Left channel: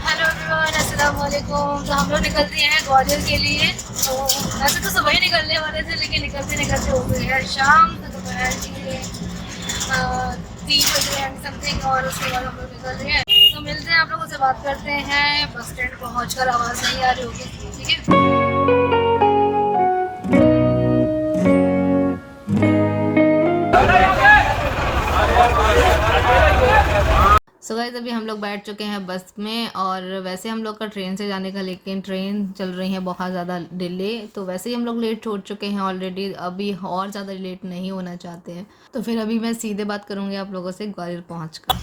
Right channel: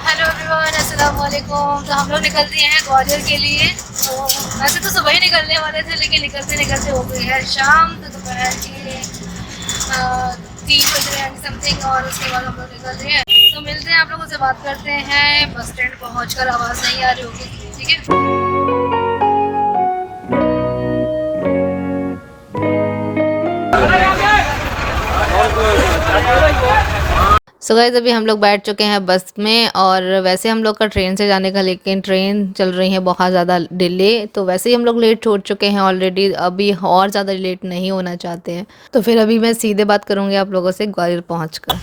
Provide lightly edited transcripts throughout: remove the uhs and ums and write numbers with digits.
Hello everyone, अस्सलाम वालेकुम। तो हम लोग निकल दिए हैं ग्वालियर के लिए। तो वैसे तो सुबह ही निकलने वाले थे, लेकिन निकलते निकलते हो गई है शाम। तो दोपहर के 3 बज रहे हैं समथिंग, और उसके बाद हम लोग निकल रहे हैं। तो मिलते हैं, आप लोगों से बात करते हैं बस स्टैंड पहुँच कर। आवाज़ नहीं आ रही होगी, ठीक है। सो गाइस, अभी हम लोग बैठ चुके हैं बस में। और वैसे हम लोग का ट्रेन से जाने का, लेकिन ट्रेन चल रही है बहुत ज़्यादा डिले। तो वैसे ही हम लोग लेट हो चुके हैं ऑलरेडी, अभी और ज़्यादा लेट नहीं होना चाहते हैं। तो फिर अभी मैं सीधे बात करूँगी आप लोगों से ग्वालियर पहुँच कर। तो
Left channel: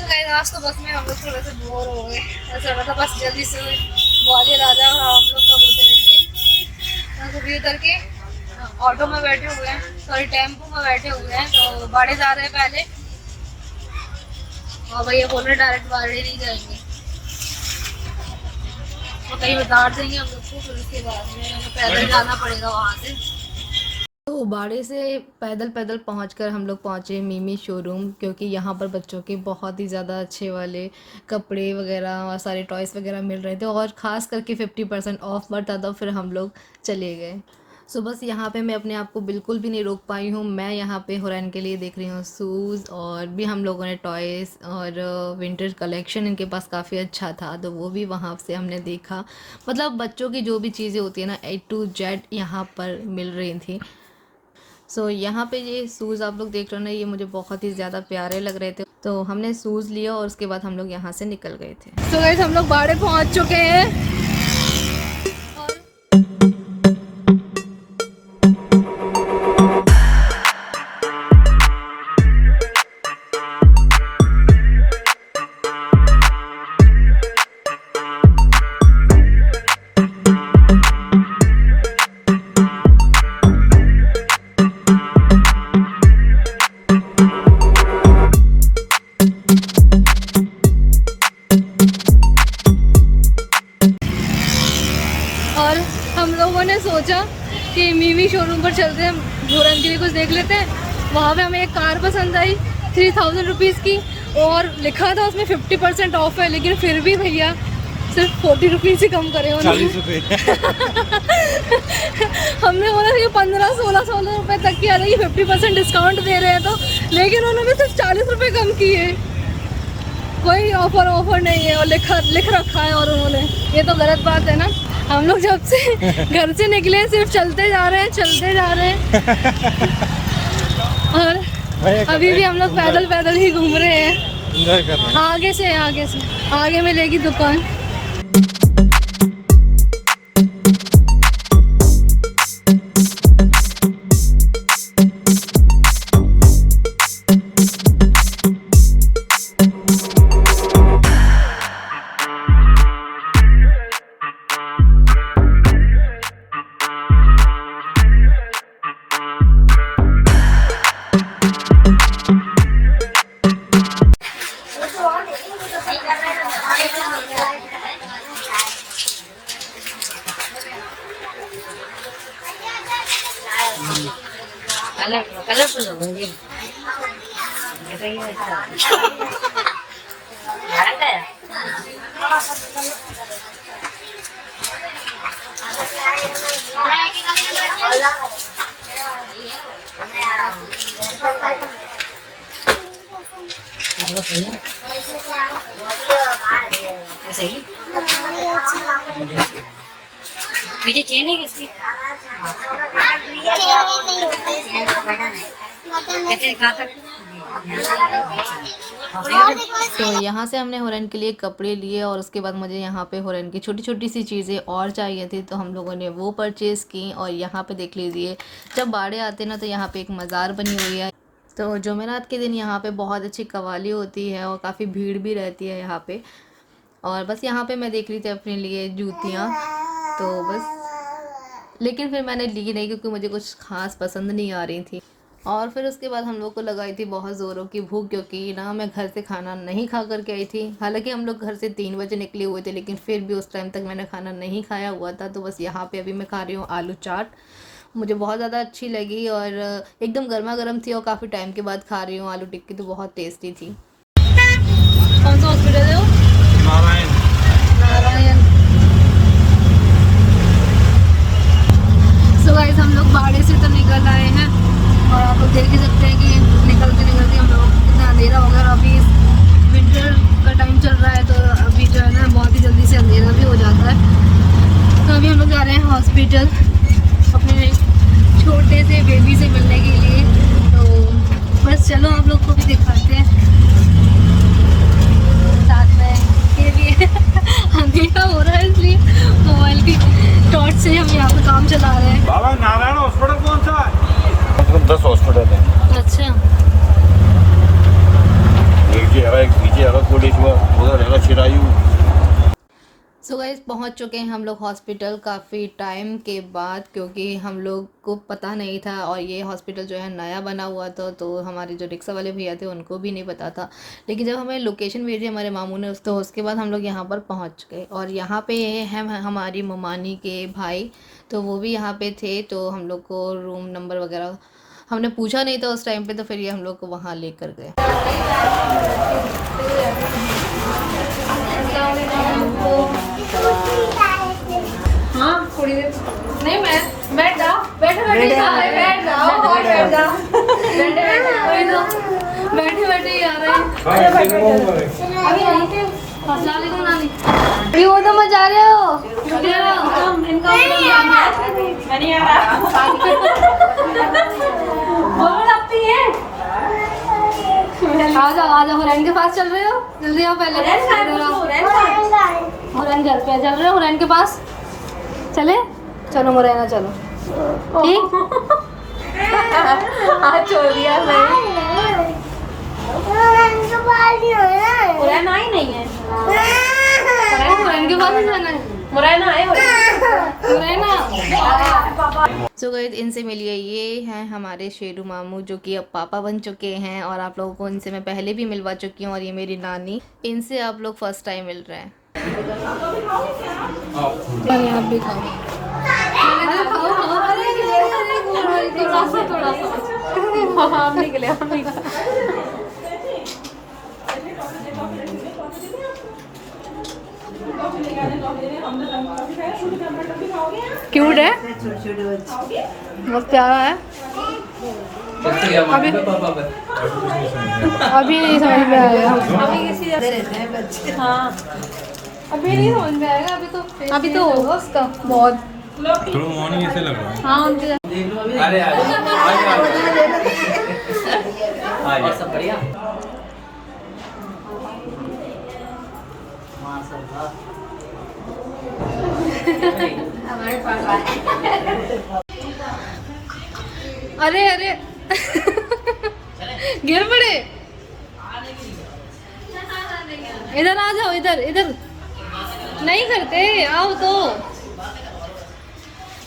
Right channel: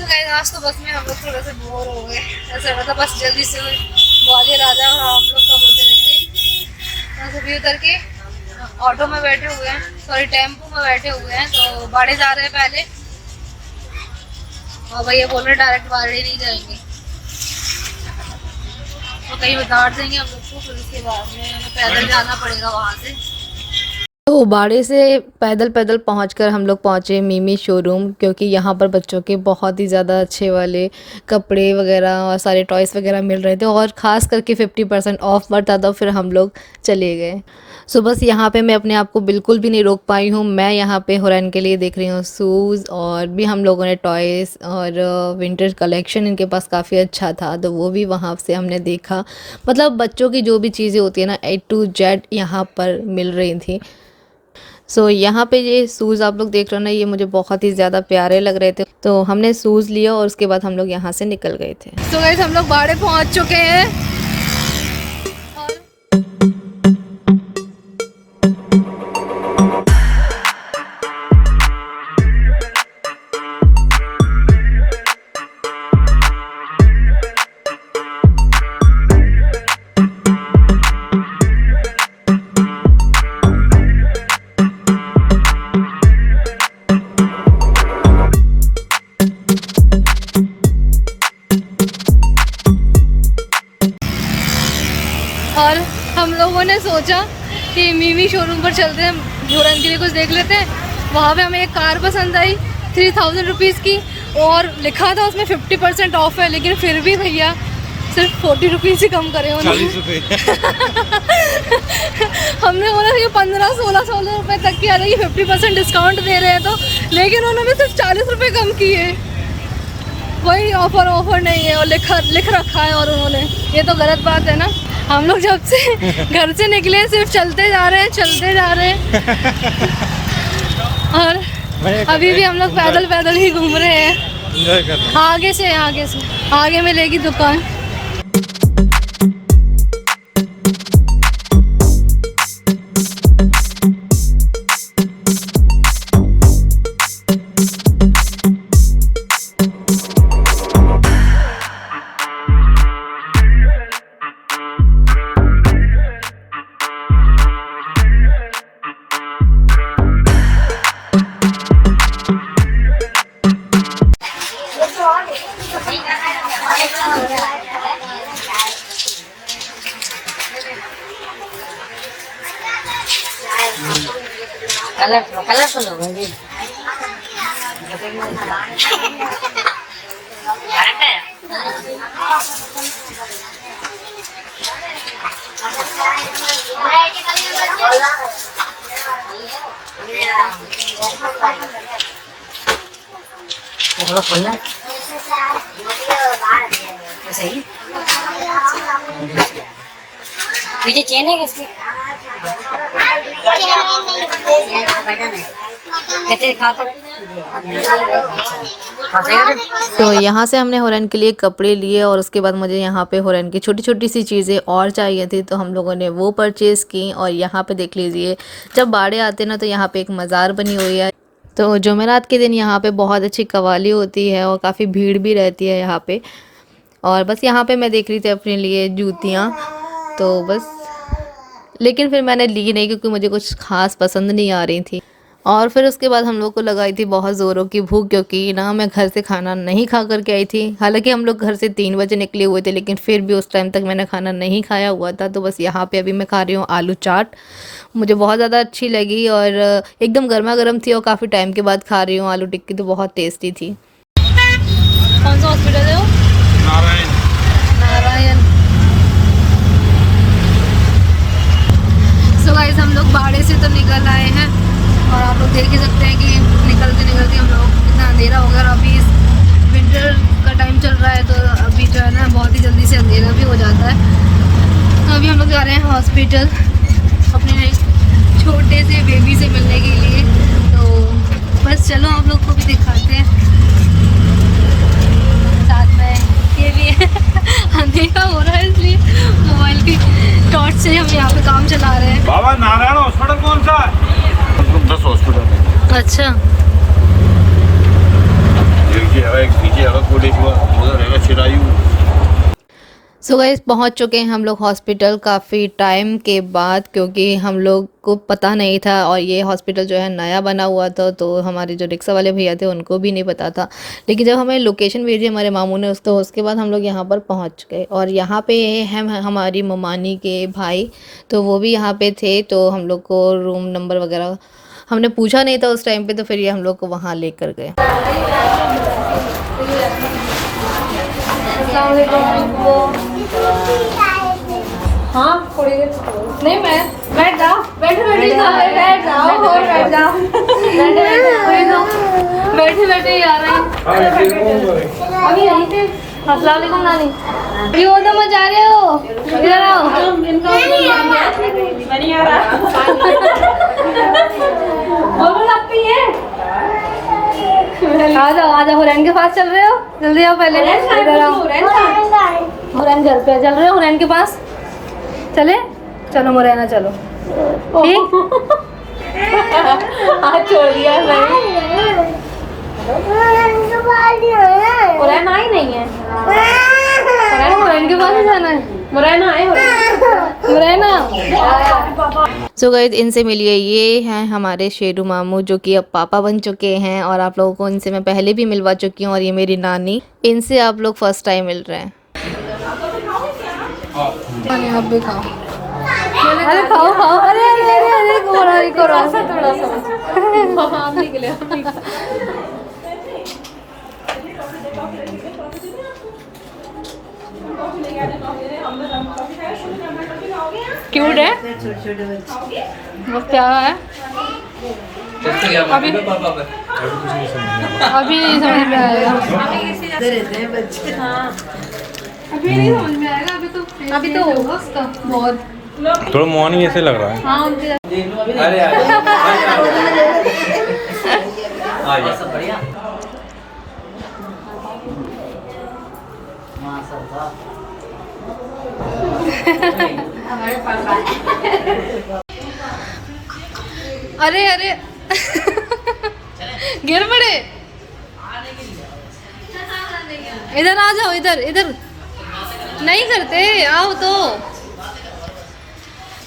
गाइस, आज तो बस में हम लोग थोड़े से बोर हो गए। ऐसा लगा था बस जल्दी से ग्वालियर आ जाए और हम लोग कब होते रहेंगे। तो अभी उतर के ऑटो में बैठे हुए हैं, सॉरी टेम्पो में बैठे हुए हैं। तो बाड़े जा रहे हैं पहले, और भैया बोल रहे डायरेक्ट बाड़े नहीं जाएंगे, तो कहीं उतार देंगे हम लोग को। फिर उसके बाद में हमें पैदल जाना पड़ेगा वहाँ से। तो बाड़े से पैदल पैदल पहुंचकर हम लोग पहुंचे मिमी शोरूम, क्योंकि यहाँ पर बच्चों के बहुत ही ज़्यादा अच्छे वाले कपड़े वगैरह और सारे टॉयज़ वगैरह मिल रहे थे, और ख़ास करके 50% ऑफ बढ़ता था। फिर हम लोग चले गए। सो बस यहाँ पे मैं अपने आप को बिल्कुल भी नहीं रोक पाई हूँ। मैं यहाँ पे हुरैन के लिए देख रही हूँ शूज़, और भी हम लोगों ने टॉयज़ और विंटर कलेक्शन इनके पास काफ़ी अच्छा था, तो वो भी वहाँ से हमने देखा। मतलब बच्चों की जो भी चीज़ें होती है ना, A to Z यहाँ पर मिल रही थी। सो यहाँ पे ये शूज़ आप लोग देख रहे हो ना, ये मुझे बहुत ही ज़्यादा प्यारे लग रहे थे। तो हमने शूज़ लिया और उसके बाद हम लोग यहाँ से निकल गए थे। सो गाइस, हम लोग बाड़े पहुँच चुके हैं। और हम लोगों ने सोचा कि मिमी शोरूम पर चलते हैं, हुरैन के लिए कुछ देख लेते हैं। वहाँ पे हमें एक कार पसंद आई 3000 रुपीज़ की, और लिखा था उसमें 50% ऑफ है, लेकिन फिर भी भैया सिर्फ 40 रुपीज़ ही कम करे उन्होंने। हमने बोला कि 15-16 रुपये तक की आ रही है, 50% डिस्काउंट दे रहे हैं तो, लेकिन उन्होंने सिर्फ 40 रुपये कम किए। वही ऑफर नहीं है, और लिख रखा है और उन्होंने, ये तो गलत बात है ना। हम लोग जब से घर से निकले सिर्फ चलते जा रहे हैं और अभी भी हम लोग पैदल पैदल ही घूम रहे हैं। आगे से आगे मिलेगी दुकान। कलरफुल हो गई। तुझे चेन है किसकी? तो यहाँ से हमने हुरैन के लिए कपड़े लिए, और उसके बाद मुझे यहाँ पे हुरैन की छोटी छोटी सी चीज़ें और चाहिए थी, तो हम लोगों ने वो परचेज़ की। और यहाँ पे देख लीजिए, जब बाड़े आते ना तो यहाँ पे एक मज़ार बनी हुई है। तो जुमेरात के दिन यहाँ पे बहुत अच्छी कवाली होती है, और काफ़ी भीड़ भी रहती है यहाँ पे। और बस यहाँ पे मैं देख रही थी अपने लिए जूतियाँ, तो बस, लेकिन फिर मैंने ली नहीं क्योंकि मुझे कुछ ख़ास पसंद नहीं आ रही थी। और फिर उसके बाद हम लोग को लगाई थी बहुत ज़ोरों की भूख, क्योंकि ना मैं घर से खाना नहीं खा कर के आई थी। हालांकि हम लोग घर से 3 बजे निकले हुए थे, लेकिन फिर भी उस टाइम तक मैंने खाना नहीं खाया हुआ था। तो बस यहाँ पे अभी मैं खा रही हूँ आलू चाट, मुझे बहुत ज़्यादा अच्छी लगी, और एकदम गर्मा गर्म थी, और काफ़ी टाइम के बाद खा रही हूँ। आलू टिक्की तो बहुत टेस्टी थी। कौन सा हॉस्पिटल है वो? अभी हम लोग जा रहे हैं हॉस्पिटल अपने छोटे से बेबी से मिलने के लिए। तो बस चलो आप लोग को भी दिखाते हैं साथ में। ये भी है अंधेरा हो रहा है इसलिए मोबाइल की टॉर्च से हम यहाँ पे काम चला रहे हैं। बाबा नारायण हॉस्पिटल कौन सा है? 10 हॉस्पिटल है। अच्छा एक पीछे है कोटेश्वर, उधर है चिरायू। सो गाइस पहुंच चुके हैं हम लोग हॉस्पिटल काफ़ी टाइम के बाद, क्योंकि हम लोग को पता नहीं था और ये हॉस्पिटल जो है नया बना हुआ था, तो हमारे जो रिक्शा वाले भैया थे उनको भी नहीं पता था। लेकिन जब हमें लोकेशन भेजी हमारे मामू ने तो उसके बाद हम लोग यहाँ पर पहुँच गए। और यहाँ पे हैं हमारी ममानी के भाई, तो वो भी यहाँ पे थे। तो हम लोग को रूम नंबर वगैरह हमने पूछा नहीं था उस टाइम पे, तो फिर ये हम लोग को वहाँ लेकर गए। हाँ थोड़ी देर नहीं, मैं बैठ जाओ, बैठे बैठ जाओ और बैठ जाओ, बैठे वही तो बैठे आ रहे हैं। अस्सलाम वालेकुम नानी, अभी वो तो मत जा रहे हो, इधर आओ। आ जाओ हुरैन के पास चल रहे हो, जल्दी आओ, पहले इधर आओ। हुरैन घर पे चल रहे हो, हुरैन के पास चले, चलो मुरैना चलो, ठीक। छोड़ दिया मुरैना ही नहीं है, हुरैन के पास ही जाना है। मुरैना है, मुरैना। सो गाइस इनसे मिलिए, ये हैं हमारे शेरू मामू जो कि अब पापा बन चुके हैं, और आप लोगों को इनसे मैं पहले भी मिलवा चुकी हूँ। और ये मेरी नानी, इनसे आप लोग फर्स्ट टाइम मिल रहे हैं। आप भी खाओ, अरे खाओ खाओ, अरे अरे अरे अरे गोराई करो थोड़ा सा आप निकले। क्यूट है, बहुत प्यारा है। अभी नहीं समझ में आएगा, अभी नहीं समझ में आएगा, अभी तो होगा उसका बहुत। थोड़ा मॉर्निंग ऐसे लग रहा है। अरे अरे गिर पड़े, इधर आ जाओ, इधर नहीं करते, आओ तो।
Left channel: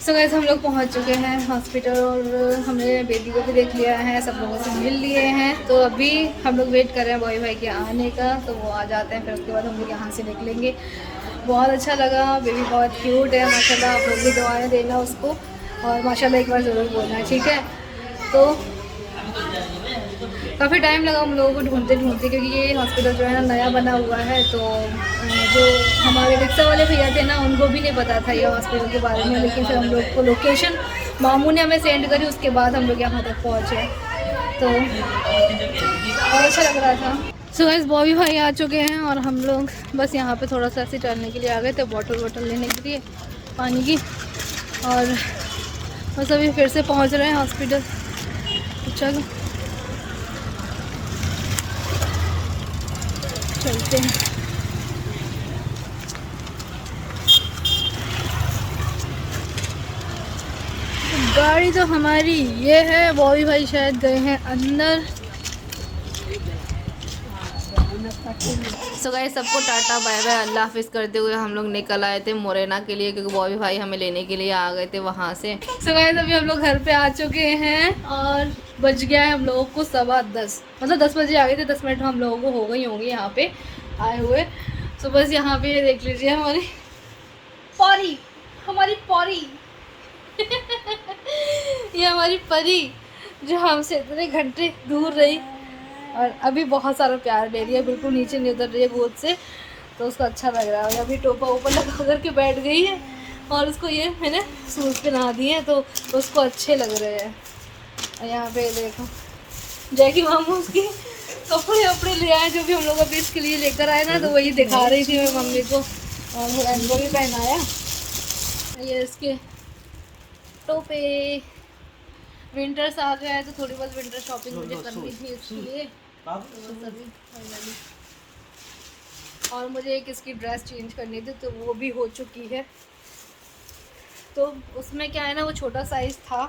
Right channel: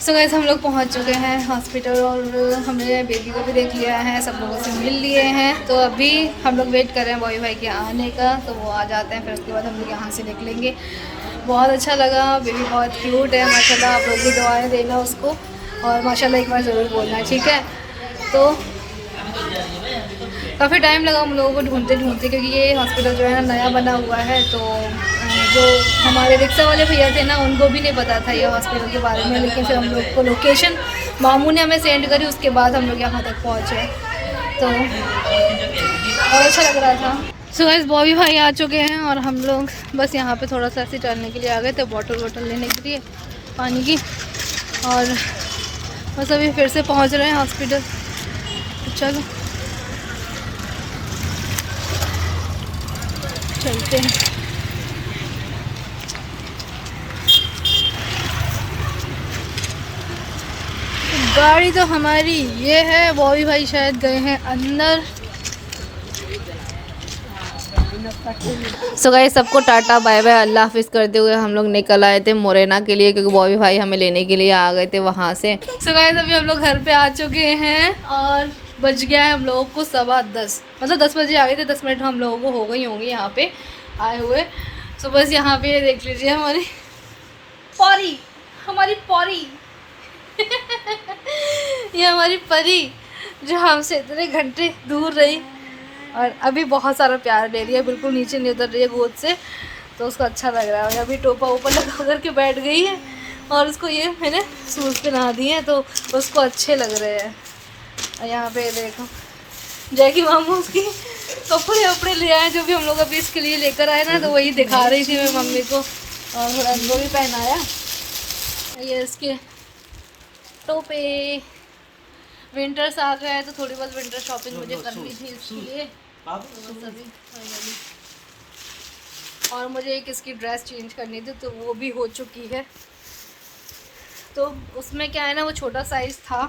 सो गाइस हम लोग पहुंच चुके हैं हॉस्पिटल, और हमने बेबी को भी देख लिया है, सब लोगों से मिल लिए हैं। तो अभी हम लोग वेट कर रहे हैं बॉय भाई के आने का, तो वो आ जाते हैं, फिर उसके बाद हम लोग यहाँ से निकलेंगे। बहुत अच्छा लगा, बेबी बहुत क्यूट है माशाल्लाह। आप लोग भी दुआएं देना उसको, और माशाल्लाह एक बार ज़रूर बोलना, ठीक है। तो काफ़ी टाइम लगा हम लोगों को ढूंढते, क्योंकि ये हॉस्पिटल जो है ना नया बना हुआ है। तो जो हमारे रिक्शा वाले भैया थे ना, उनको भी नहीं पता था ये हॉस्पिटल के बारे में। लेकिन फिर हम लोग को लोकेशन मामू ने हमें सेंड करी, उसके बाद हम लोग यहाँ तक पहुँचे, तो और अच्छा लग रहा था। सो गाइस बॉबी भाई आ चुके हैं, और हम लोग बस यहाँ पे थोड़ा सा ऐसे टहलने के लिए आ गए थे, बॉटल लेने के लिए पानी की, और बस अभी फिर से पहुँच रहे हैं हॉस्पिटल। चलो चलते हैं। गाड़ी तो हमारी ये है, बॉबी भाई शायद गए हैं अंदर। सो गाइस सबको टाटा बाय बाय अल्लाह हाफिज़ करते हुए हम लोग निकल आए थे मुरैना के लिए, क्योंकि बॉबी भाई हमें लेने के लिए आ गए थे वहाँ से। सो गाइस अभी हम लोग घर पे आ चुके हैं, और बज गया है हम लोगों को 10:15, मतलब 10 बजे आ गए थे, 10 मिनट हम लोगों को हो गई होंगी यहाँ पे आए हुए। सो बस यहाँ पे देख लीजिए हमारी परी ये हमारी परी जो हमसे इतने घंटे दूर रही, और अभी बहुत सारा प्यार ले रही है, बिल्कुल नीचे नहीं उतर रही है गोद से, तो उसको अच्छा लग रहा है। अभी टोपा ऊपर लगा करके बैठ गई है, और उसको ये मैंने शूज़ पहना दिए हैं, तो उसको अच्छे लग रहे हैं। और यहाँ पे देखो जैकी मामू उसकी कपड़े ले आए, जो भी हम लोग अभी इसके लिए लेकर आए ना, तो वही दिखा रही थी मैं मम्मी को, और हुरैन को भी पहनाया। ये इसके टोपे। विंटर्स आ गया है तो थोड़ी बहुत विंटर शॉपिंग मुझे करनी थी इसके लिए, तो बस अभी फाइनली। और मुझे एक इसकी ड्रेस चेंज करनी थी तो वो भी हो चुकी है। तो उसमें क्या है ना, वो छोटा साइज़ था,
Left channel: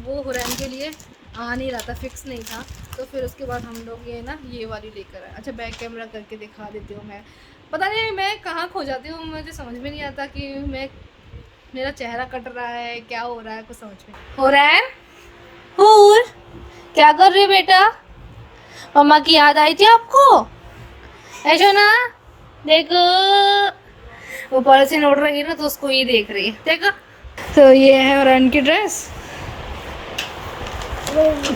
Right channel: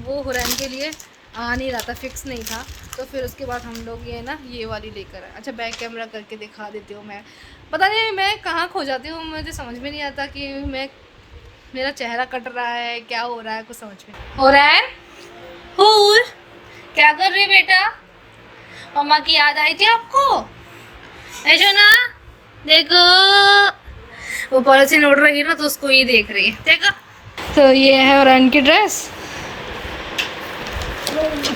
वो हुरैन के लिए आ नहीं रहा था, फिक्स नहीं था। तो फिर उसके बाद हम लोग ये ना ये वाली लेकर आए। अच्छा बैक कैमरा करके दिखा देती हूँ। मैं पता नहीं मैं कहाँ खो जाती हूँ, मुझे समझ में नहीं आता कि मेरा चेहरा कट रहा है, क्या हो रहा है, कुछ समझ में। हुरैन और क्या कर रही बेटा? मम्मा की याद आई थी आपको? ऐशो ना देखो, वो पॉलिथीन उड़ रही है ना तो उसको ये देख रही है, देखो। तो ये है हुरैन की ड्रेस।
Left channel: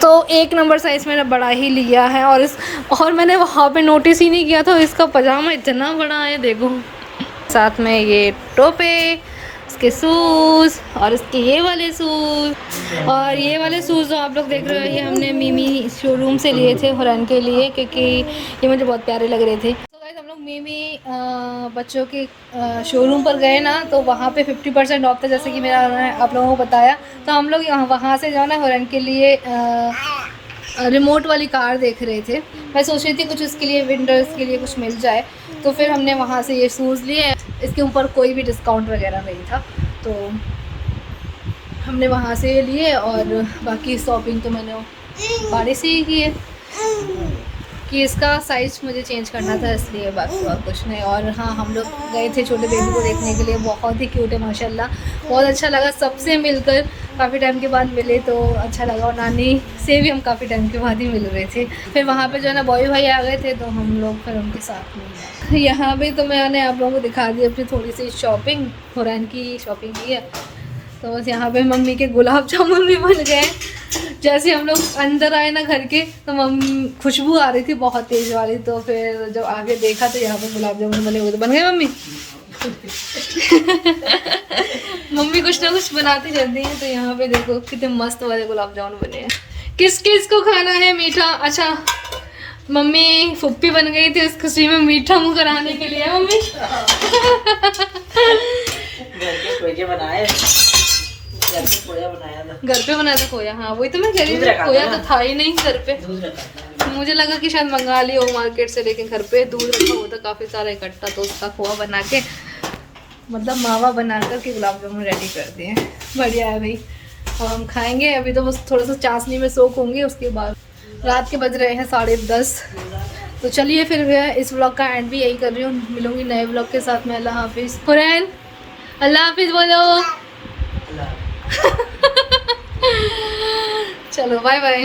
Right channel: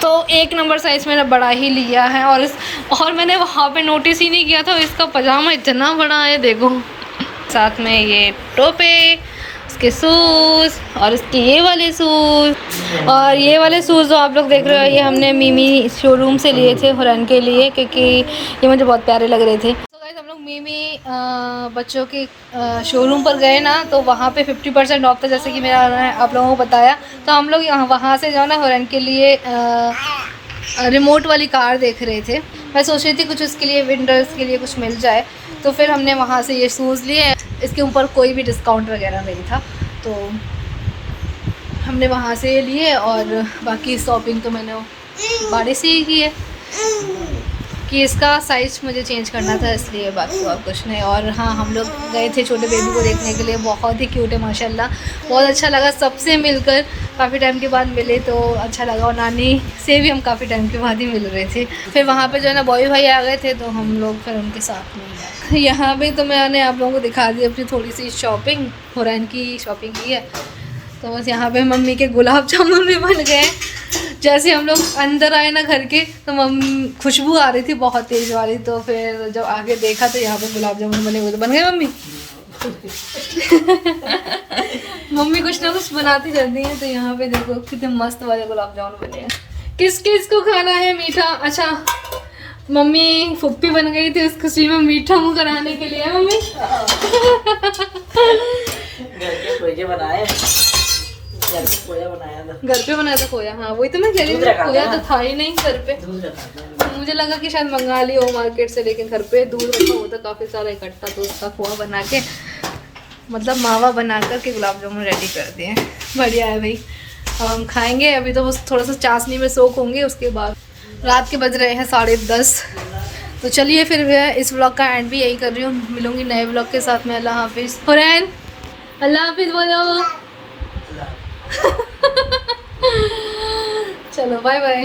तो 1 नंबर साइज़ मैंने बड़ा ही लिया है। और मैंने वहाँ पे नोटिस ही नहीं किया था, इसका पजामा इतना बड़ा है, देखो। साथ में ये टोपे, इसके शूज़ और इसके ये वाले शूज़। और ये वाले शूज़ जो आप लोग देख रहे हो, ये हमने मीमी शोरूम से लिए थे हुरैन के लिए, क्योंकि ये मुझे बहुत प्यारे लग रहे थे। तो गाइस हम लोग मीमी बच्चों के शोरूम पर गए ना, तो वहाँ पे 50% ऑफ था, जैसे कि मेरा आप लोगों को बताया। तो हम लोग वहाँ से जो ना हुरैन के लिए रिमोट वाली कार देख रहे थे। मैं सोच रही थी कुछ उसके लिए विंटर्स के लिए कुछ मिल जाए, तो फिर हमने वहाँ से ये शूज़ लिए। इसके ऊपर कोई भी डिस्काउंट वगैरह नहीं था, तो हमने वहाँ से ये लिए। और बाकी शॉपिंग तो मैंने बाड़ी से ही की है, कि इसका साइज़ मुझे चेंज करना था, इसलिए बाकी और कुछ नहीं। और हाँ, हम लोग गए थे छोटे बेबी को देखने के लिए, बहुत ही क्यूट है माशाल्लाह, बहुत अच्छा लगा सबसे मिलकर। काफ़ी टाइम के बाद मिले तो अच्छा लगा, और नानी से भी हम काफ़ी टाइम के बाद ही मिल रहे थे। फिर वहाँ पे जो है ना बॉय भाई आ गए थे, तो हम लोग फिर उनके साथ में गए। यहाँ पे तो मैंने आप लोगों को दिखा दी अपनी थोड़ी सी शॉपिंग, हुरैन की शॉपिंग की है। तो बस यहाँ पे मम्मी के गुलाब जामुन भी बन गए। जैसे हम लोग अंदर आए ना घर के, तो खुशबू आ रही थी बहुत तेज़ वाली। तो फिर जब आगे देखा तो यहाँ पे गुलाब जामुन बने हुए, तो बन गए मम्मी। मम्मी कुछ ना कुछ बनाती रहती हैं। तो यहाँ पे देखो कितने मस्त वाले गुलाब जामुन बने हैं। किस किस को खाना है मीठा? अच्छा मम्मी फुप्पी बन गई थी उस खुशी में मीठा मुँह कराने के लिए। मम्मी बनाए, घर पे बनाया था खोया। हाँ वही तो मैं कह रही थी, खोया तो था ही नहीं घर पे। मुझे लगा कि शायद मंगा लिया हो मार्केट से, लेकिन घर पे दूध रखा हुआ था काफ़ी सारा इकट्ठा, तो उसका खोआ बना के, मतलब मावा बना कर के गुलाब जामुन रेडी कर दिए। बढ़िया है भाई, अब हम खाएंगे। अभी तो बस थोड़ा सा चाशनी में सोख होंगे, उसके बाद। रात के बज रहे हैं 10:30। तो चलिए फिर इस व्लॉग का एंड भी यही कर रही हूँ। मिलूंगी नए व्लॉग के साथ में। अल्लाह हाफिज़। हुरैन अल्लाह हाफिज़ बोलो। चलो बाय बाय।